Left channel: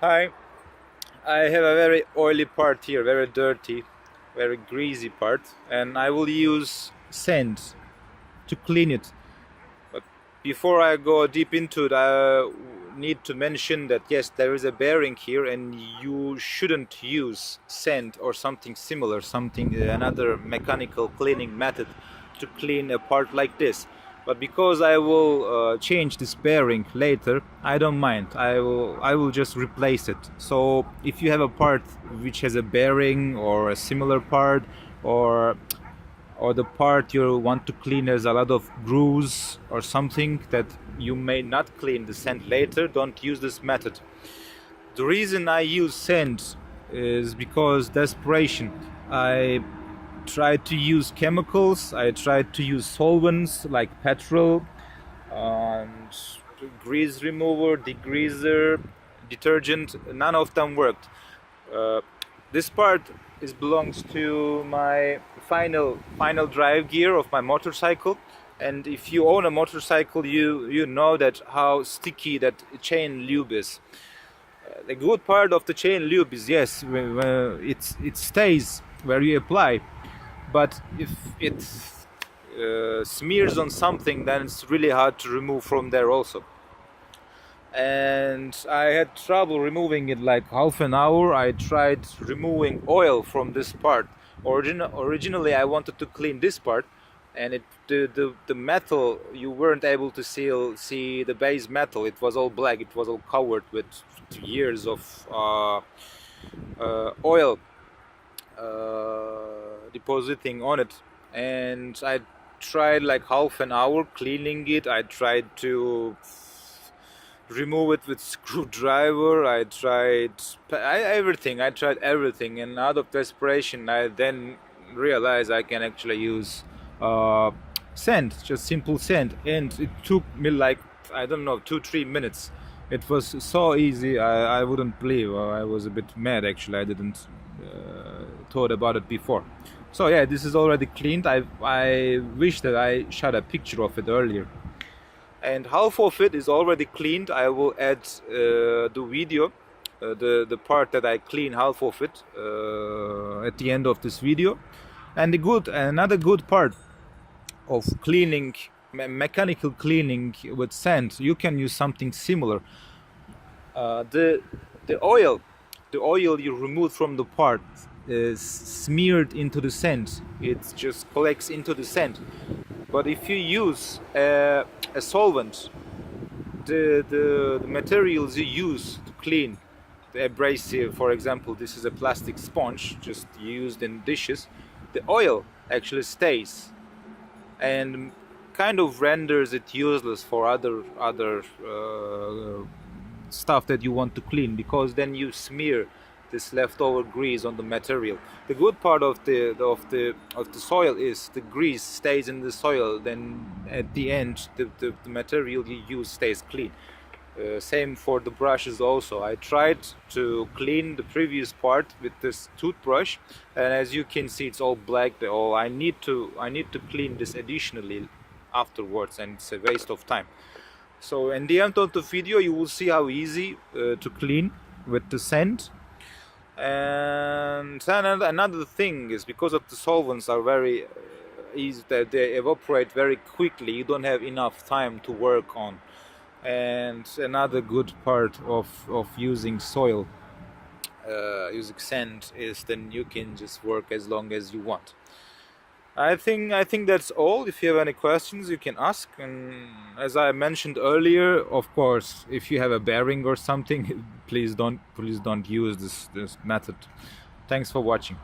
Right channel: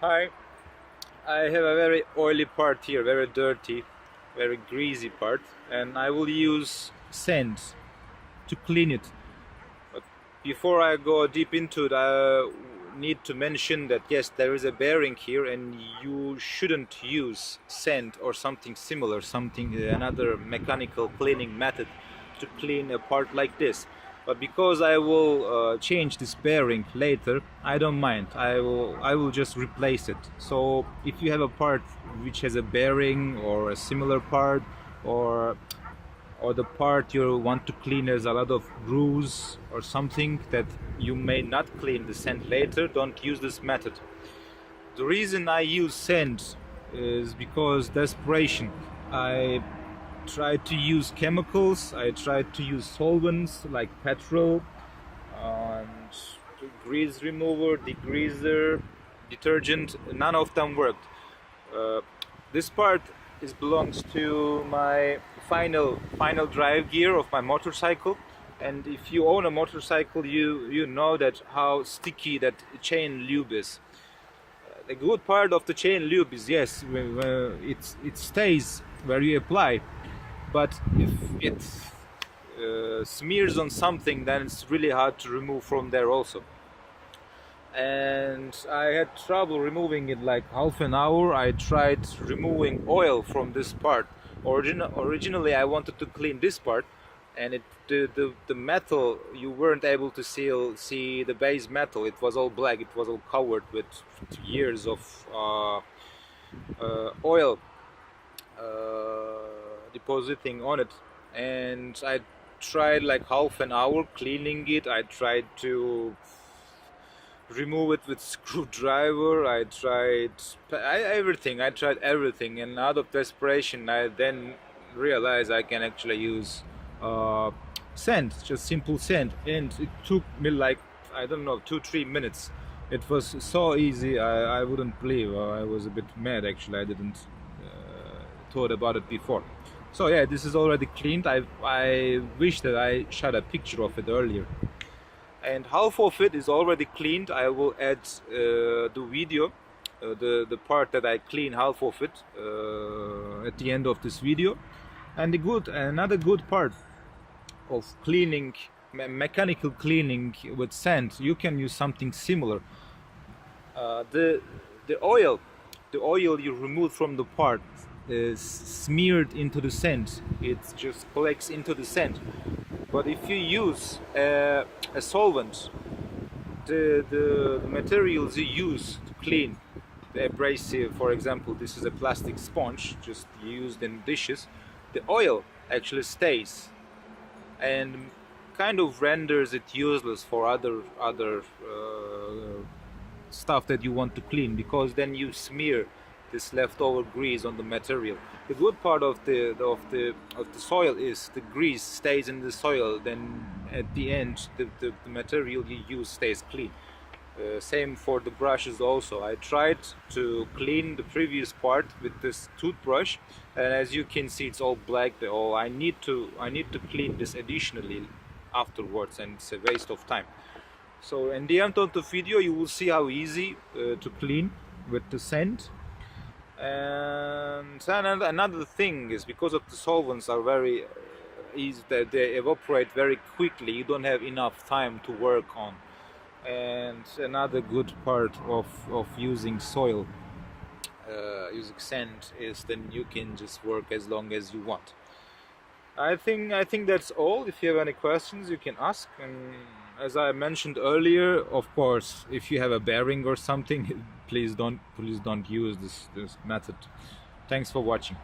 Hi, I have a very oily part here, very dirty, very greasy part, and I will use sand to clean it. But before I go deep into it, I need to mention that yes, there is a bearing here, and you shouldn't use sand or something similar, another mechanical cleaning method to clean a part like this. But because I will change this bearing later, I don't mind. I will just replace it. So if you have a part which has a bearing or a similar part, or the part you want to clean has a lot of grooves or something that you may not clean the sand later, don't use this method. The reason I use sand is because desperation. I tried to use chemicals, I tried to use solvents like petrol and grease remover, degreaser, detergent. None of them worked. This part belongs to my final drive gear of my motorcycle, and if you own a motorcycle, you know that how sticky that chain lube is. The good part of the chain lube is yes, it stays where you apply, but if it smears on something, then it's really hard to remove from there also. And I had trouble removing it like half an hour. I tried removing oil from this part. Originally I wanted to clean this part, and the metal, you weren't able to see the base metal. It was all black, it was all covered with years of oil depositing on it. And I tried like half an hour cleaning it. I tried to remove it with screwdriver. I tried everything, and out of desperation I then realized I can actually use sand, just simple sand, and it took me like, I don't know, 2-3 minutes. It was so easy, I wouldn't believe. I was a bit mad actually. I didn't thought about it before. So yeah, this is already cleaned. I wish that I shot a picture of it earlier. And half of it is already cleaned. I will add the video, the part that I clean half of it at the end of this video. And another good part of cleaning, mechanical cleaning with sand, you can use something similar. The oil you remove from the part is smeared into the sand. It just collects into the sand. But if you use a solvent, the materials you use to clean, the abrasive, for example, this is a plastic sponge just used in dishes, the oil actually stays and kind of renders it useless for other stuff that you want to clean, because then you smear this leftover grease on the material. The good part of the soil is the grease stays in the soil. Then at the end, the material you use stays clean. Same for the brushes also. I tried to clean the previous part with this toothbrush, and as you can see, it's all black. I need to clean this additionally afterwards, and it's a waste of time. So in the end of the video, you will see how easy to clean with the sand. And then another thing is, because of the solvents are very easy, they evaporate very quickly, you don't have enough time to work on. And another good part of using soil, using sand, is then you can just work as long as you want. I think that's all. If you have any questions, you can ask. And as I mentioned earlier, of course, if you have a bearing or something, please don't use this method. Thanks for watching.